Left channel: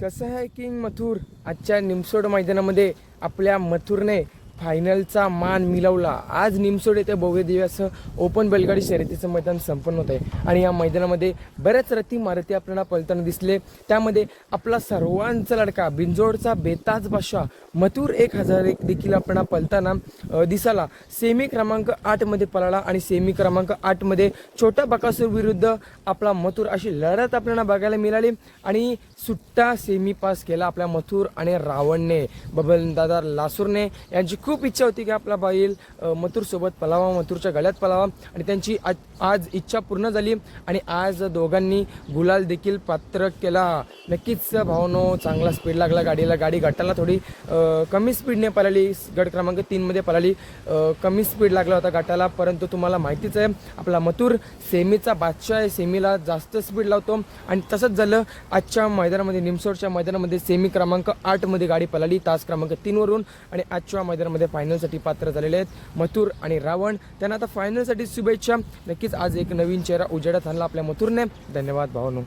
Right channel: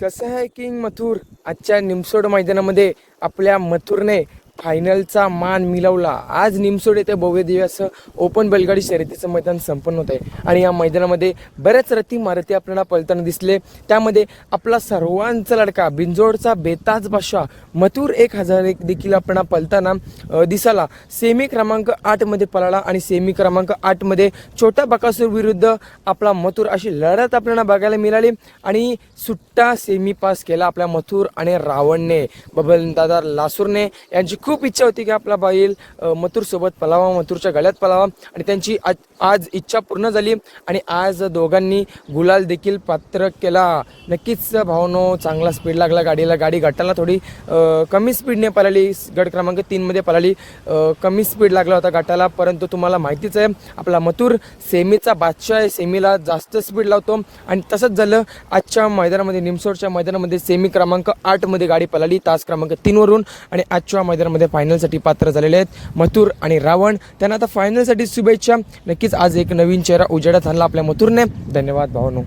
कसं आहे किंग मथुर आजच्या निमसोड मैदानामध्ये आपल्या मथुरने फायनलचा मान मिळवला। आज निमसोड येथे भव्य दिव्य असं ओपन बैलगाडी शर्यतीचं मैदान संपन्न होत आहे आणि या मैदानामध्ये बऱ्याच रथी मारुती आपल्याला पळताना दिसले। त्यामध्ये आपला सर्वांचा लडका बिंजोडचा बेताज बादशाह मथुर 1001 देखील आपल्याला पळताना दिसला। सेमी क्रमांक 8 मध्ये पळाला आणि सेमी क्रमांक 8 मध्ये छोट्या बकासूर विरुद्ध आपला मथुर अशी लढत आपल्याला बघायला मिळाली आणि सुट्टा सेमी पास केला आपल्या मथुर आणि रावणने। बबन दादा लासूरने यांची खूप इच्छा होती की आपला बैल मथुर सोबत पळावा, मथुरच्या गळ्यात पळावा आणि त्यांची आज इच्छा पूर्ण झाली आणि आज दोघांनी गुलाल देखील पात्र केला। नक्कीच भावनो चांगला स्पीड लागला गाडीला। गाडी गटाला थोडी कमी स्पीडने पळाली, गट क्रमांक 3 मध्ये पळाली, कमी स्पीड लागला होता गटाला। परंतु तुम्हाला माहितीच आहे आपला मथुर सेमीचा बादशाह आहे, सेमीला जास्त स्पीड लावतो आणि तसंच झालं आजच्या मैदानामध्ये। निमसोडच्या मैदानामध्ये सेमी क्रमांक 8 मध्ये गाडी पळाली तास क्रमांक 3 वरून आणि आजच्या मैदानामध्ये फायनलसाठी पात्र झालेले आहेत मथुर आणि रावण। त्यांना आता फायनलसाठी शुभेच्छा। नक्कीच आज एक नवीन चेहरा उजेडात आणला आपल्या मथुरने। धन्यवाद भावनो।